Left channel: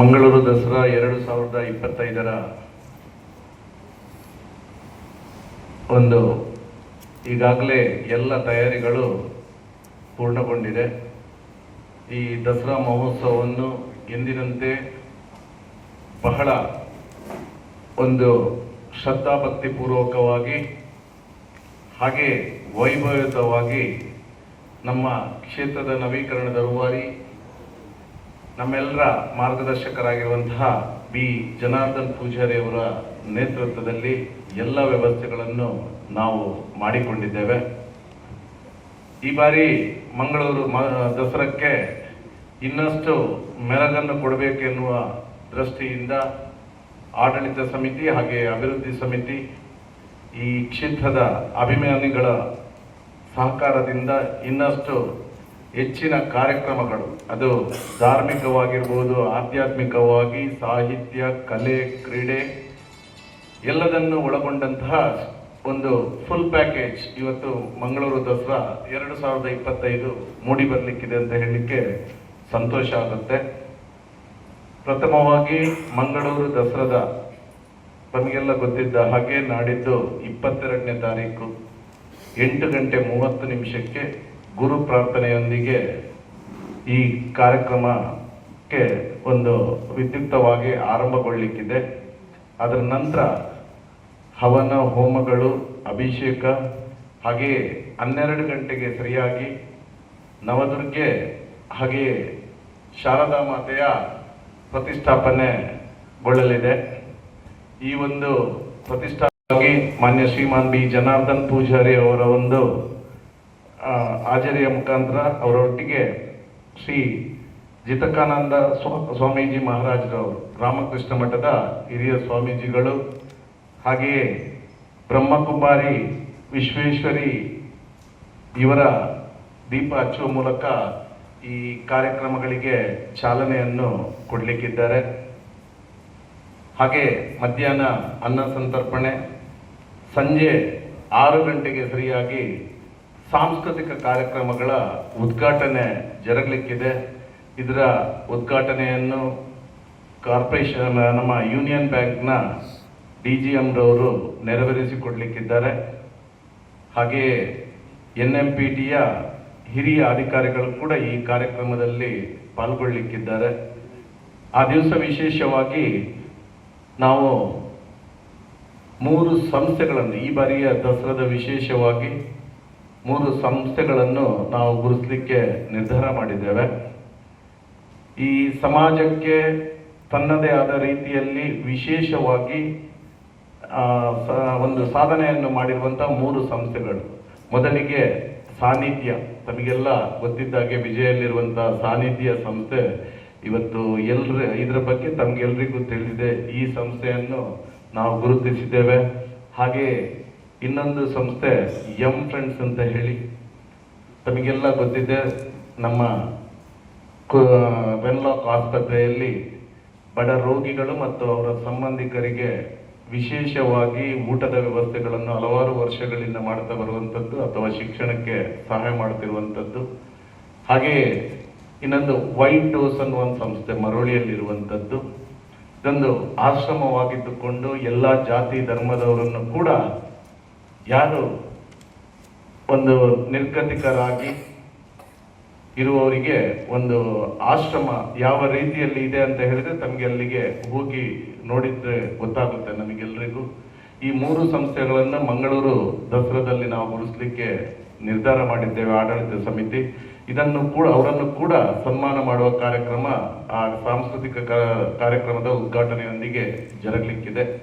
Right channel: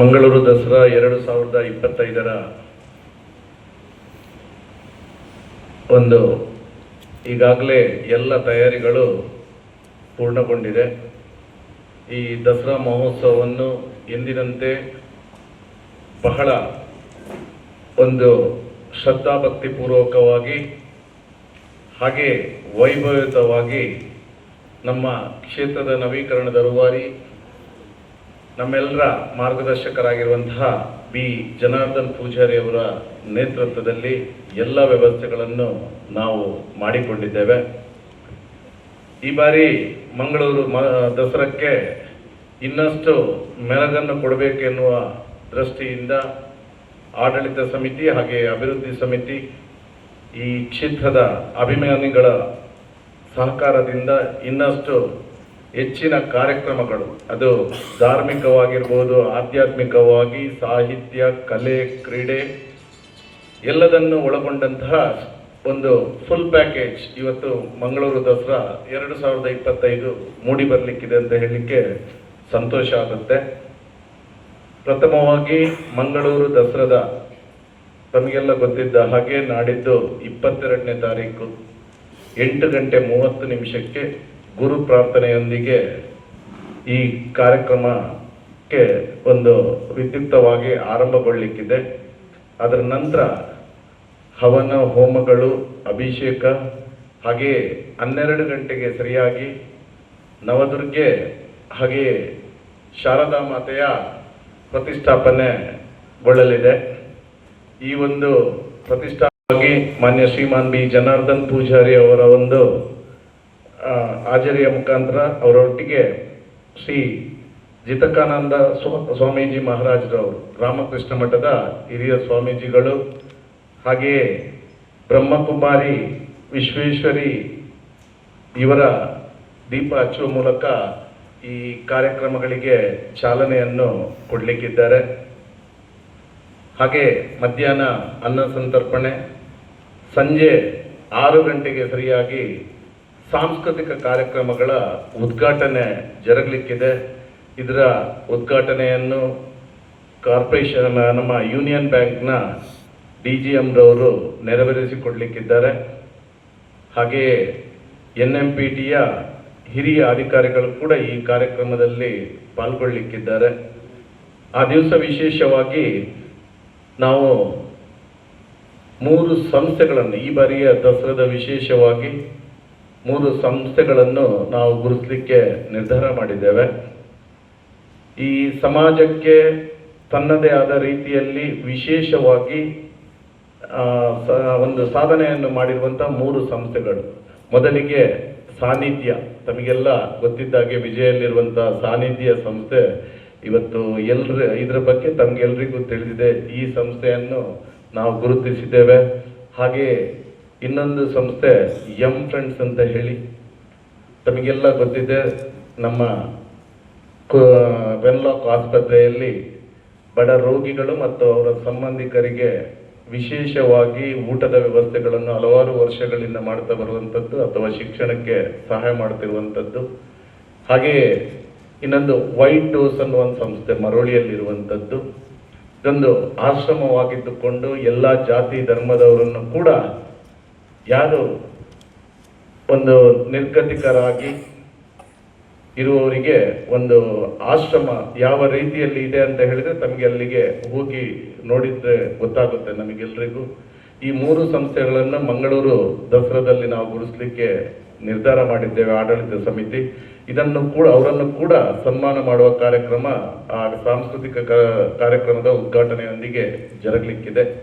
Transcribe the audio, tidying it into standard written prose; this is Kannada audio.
ಮಂಗಳೂರು ದಸರಾ 2025ರ ಒಂದು ಈಗಾಗಲೇ ಎಲ್ಲ ತಯಾರಿಗಳು ಪೂರ್ಣಗೊಂಡಿದೆ. ಈ ದಸರಾ ಮಹೋತ್ಸವವನ್ನು ಎಂದಿನಂತೆ ಬಹಳ ಒಂದು ಶ್ರದ್ಧಾಭಕ್ತಿಪೂರ್ವಕವಾಗಿ ಹಾಗೆ ವೈಭವಯುತವಾಗಿ ನಮ್ಮ ಕ್ಷೇತ್ರದ ನವೀಕರಣದ ರೂವಾರಿ ನಮ್ಮೆಲ್ಲರ ಮಾರ್ಗದರ್ಶಕರಾಗಿರುವಂತಹ ಬಿ ಜನಾರ್ದನ್ ಪೂಜಾರಿ ಅವರ ನೇತೃತ್ವದಲ್ಲಿ ಎಲ್ಲ ವ್ಯವಸ್ಥೆಗಳನ್ನು ನಾವು ಮಾಡಿಕೊಂಡಿದ್ದೇವೆ. ಈ ಬಾರಿ ಮಂಗಳೂರು ದಸರಾಕ್ಕೆ ಇನ್ನಷ್ಟು ಮೆರಗನ್ನು ಕೊಡಬೇಕೆನ್ನುವ ದೃಷ್ಟಿಯಿಂದ ಆಡಳಿತ ಸಮಿತಿ ಹಾಗೆ ಅಭಿವೃದ್ಧಿ ಸಮಿತಿ ಈ ಕ್ಷೇತ್ರದ ಅಭಿಮಾನಿಗಳ ಸಹಕಾರದಿಂದ ಇನ್ನಷ್ಟು ಹೆಚ್ಚಿನ ಕಾರ್ಯಕ್ರಮಗಳು, ಅದು ಧಾರ್ಮಿಕವಾಗಿರ್ಬೋದು, ಆಧ್ಯಾತ್ಮಿಕವಾಗಿ, ಸಾಹಿತ್ಯ, ಕಲೆ, ಕ್ರೀಡೆ ಎಲ್ಲದನ್ನು ಒಳಗೊಂಡಂತಹ ಒಂದು ಫುಲ್ ಪ್ಯಾಕೇಜ್ ಇವತ್ತು ಮಂಗಳೂರು ದಸರಾ 2025 ಮೂಡಿ ಬರಲಿಕ್ಕಿದೆ ಅಂತ ಹೇಳಲಿಕ್ಕೆ ಸಂತೋಷ ಆಗುತ್ತೆ. ಪ್ರಥಮವಾಗಿ ಮಂಗಳೂರು ದಸರಾದ ತಮಗೆಲ್ಲ ಗೊತ್ತಿದ್ದ ಹಾಗೆ ನಾಡಿದ್ದು 22ನೇ ತಾರೀಕು 8:30 ಗುರು ಪ್ರಾರ್ಥನೆಯೊಂದಿಗೆ ಈ ಕಾರ್ಯಕ್ರಮಕ್ಕೆ ಒಂದು ವಿದ್ಯುಕ್ತವಾಗಿ ಆರಂಭಗೊಳ್ಳಲಿಕ್ಕಿದೆ. ಅದರ ನಂತರ ಹವನ ಹೋಮಗಳು, ಅಭಿಷೇಕ, ಹಾಗೆಯೇ 12 ಗಂಟೆಗೆ ಸರಿಯಾಗಿ ನವದುರ್ಗೆ ಹಾಗೆಯೇ ಶಾರದಾ ಮಾತೆಯ ಪ್ರತಿಷ್ಠಾಪನೆಗೊಳ್ಳಲಿದೆ. ಈ ಒಂದು ಪ್ರತಿಷ್ಠಾಪನೆಗಾಗಿ ಮಾನ್ಯ ಶ್ರೀಮಾನ್ ಬಿ ಜನಾರ್ದನ್ ಪೂಜಾರಿ ಅವರ ಒಂದು ಹಾಜರಿಯ ಮುಖಾಂತರ ಅವರೊಟ್ಟಿಗೆ ಶ್ರೀ ಜಿತಕಾನಂದ ಸ್ವಾಮೀಜಿ ಮಹಾರಾಜರವರು, ರಾಮಕೃಷ್ಣ ಮಠದ ಹಿರಿಯ ಸ್ವಾಮೀಜಿಗಳು, ಹಾಗೆಯೇ ಬ್ರಹ್ಮಕುಮಾರಿ ವಿಶ್ವೇಶ್ವರಿ ಇವರ ದೀಪ ಹಚ್ಚುವ ಮೂಲಕ ಈ ಕಾರ್ಯಕ್ರಮಗಳಿಗೆ ಚಾಲನೆಯನ್ನು ಕೊಡಲಿಕ್ಕಿದ್ದಾರೆ. ಹಾಗೆ ಮಧ್ಯಾಹ್ನ ಅನ್ನ ಸಂತರ್ಪಣೆ, ಸಂಜೆ 6 ಗಂಟೆಗೆ ಸರಿಯಾಗಿ ಸಾಂಸ್ಕೃತಿಕ ಕಾರ್ಯಕ್ರಮಗಳ ಉದ್ಘಾಟನೆ ಜರುಗಲಿಕ್ಕಿದೆ. ಇದರ ಉದ್ಘಾಟನೆಯನ್ನು ಕಾರ್ಪೊರೇಷನ್ ನಮ್ಮ ಯೂನಿಯನ್ ಬ್ಯಾಂಕ್ನ DGM ರವರು ನೆರವೇರಿಸಿಕೊಡಲಿಕ್ಕಿದ್ದಾರೆ. ಹಾಗೆಯೇ NMPTಯ ಹಿರಿಯ ಅಧಿಕಾರಿಗಳು ಕೂಡ ಈ ಕಾರ್ಯಕ್ರಮದಲ್ಲಿ ಪಾಲ್ಗೊಳ್ಳಲಿಕ್ಕಿದ್ದಾರೆ. ಆ ದಿವಸ ವಿಶೇಷವಾಗಿ ನಾವು 3 ಸಂಸ್ಥೆಗಳನ್ನು, ಈ ಬಾರಿಯ ದಸರಾದ ವಿಶೇಷವಾಗಿ 3 ಸಂಸ್ಥೆಗಳನ್ನು ನಾವು ಗುರುತಿಸಲಿಕ್ಕೆ ನಿರ್ಧಾರ ಮಾಡಿದ್ದೇವೆ. ಈ ಸಮಾಜಕ್ಕೆ ತನ್ನದೇ ಆದ ರೀತಿಯಲ್ಲಿ ವಿಶೇಷವಾಗಿ ಒಂದು ಸಾಧನೆಯನ್ನು ಮಾಡಿರುವಂಥ 3 ಸಂಸ್ಥೆಗಳು. ಮೊದಲಿಗೆ ಸಾನ್ನಿಧ್ಯ, ತಮಗೆಲ್ಲ ಗೊತ್ತಿದ್ದಾಗೆ ವಿಜಯಲ್ಲಿರುವಂಥ ಸಾನ್ನಿಧ್ಯ ಸಂಸ್ಥೆ ಇವತ್ತು ಇದರ ಬಗ್ಗೆ ತಮಗೆಲ್ಲರಿಗೂ ತಿಳಿದಿದೆ. ಈ ಸಂಸ್ಥೆಯನ್ನು ನಾವು ಗುರುತಿಸಿದ್ದೇವೆ. ಹಾಗೆ ಇನ್ನೊಂದು ಸಂಸ್ಥೆ ಎಂ ಫ್ರೆಂಡ್ಸ್ ಅಂತ ಹೇಳಿ ತಮಗೆಲ್ಲ ಗೊತ್ತಿದೆ. ನಮ್ಮ ವೆನ್ಲಾಕ್ ಆಸ್ಪತ್ರೆಯಲ್ಲಿ ಬಡ ರೋಗಿಗಳು ಮತ್ತು ಅವರ ಸಂಬಂಧಿಕರಿಗೆ ವಿಶೇಷವಾಗಿ ಊಟದ ವ್ಯವಸ್ಥೆಗಳನ್ನು ಹಲವಾರು ವರ್ಷಗಳಿಂದ ಮಾಡ್ತಾ ಬರುವಂಥದ್ದು ಅಥವಾ ಶಿಕ್ಷಣಕ್ಕೆ ಸಹಾಯ ಮಾಡ್ತಿರುವಂಥದ್ದು. ಹಾಗೆಯೇ ಇನ್ನೊಂದು ವೈಟ್ ಡೋಸ್ ಅನ್ನುವ ಒಂದು ಸಂಸ್ಥೆ ಮರಳಿಯಲ್ಲಿರುವಂಥದ್ದು. ಇದೊಂದು ಆಶ್ರಮವಾಗಿದ್ದುಕೊಂಡು ಎಲ್ಲ ಜಾತಿ ಧರ್ಮದವರನ್ನು ಕೂಡ ಯಾರು ಒಂದು ನಿರ್ಗತಿಕರಾಗಿ ಇರುವವರಿಗೆ ಒಂದು ಆಶ್ರಮ ಯಾವ ರೀತಿಯಲ್ಲಿ ಇದೆ ಅಂತ ಹೇಳಿದ್ರೆ ತಮಗೆ ಅಲ್ಲಿಗೆ ಹೋಗಿ ನೋಡಿದ್ರೆ ಗೊತ್ತಾಗುತ್ತೆ ನಮಗೆಲ್ಲರಿಗೂ. ಈ 3 ಸಂಸ್ಥೆಗಳನ್ನು ಮಂಗಳೂರು ದಸರಾದಲ್ಲಿ ನಾವು ಗುರುತಿಸಲಿಕ್ಕೆ ನಿರ್ಧಾರ ಮಾಡಿದ್ದೇವೆ ಆಡಳಿತ ಸಮಿತಿ. ಇದನ್ನು ಕೂಡ ಅವರನ್ನು ಕೂಡ ಸನ್ಮಾನ ಮಾಡುವ ಕಾರ್ಯಕ್ರಮ, ಆ ಸಾಂಸ್ಕೃತಿಕ ಕಾರ್ಯಕ್ರಮದ ಉದ್ಘಾಟನೆಯೊಂದಿಗೆ ಜರುಗಲಿಕ್ಕಿದೆ.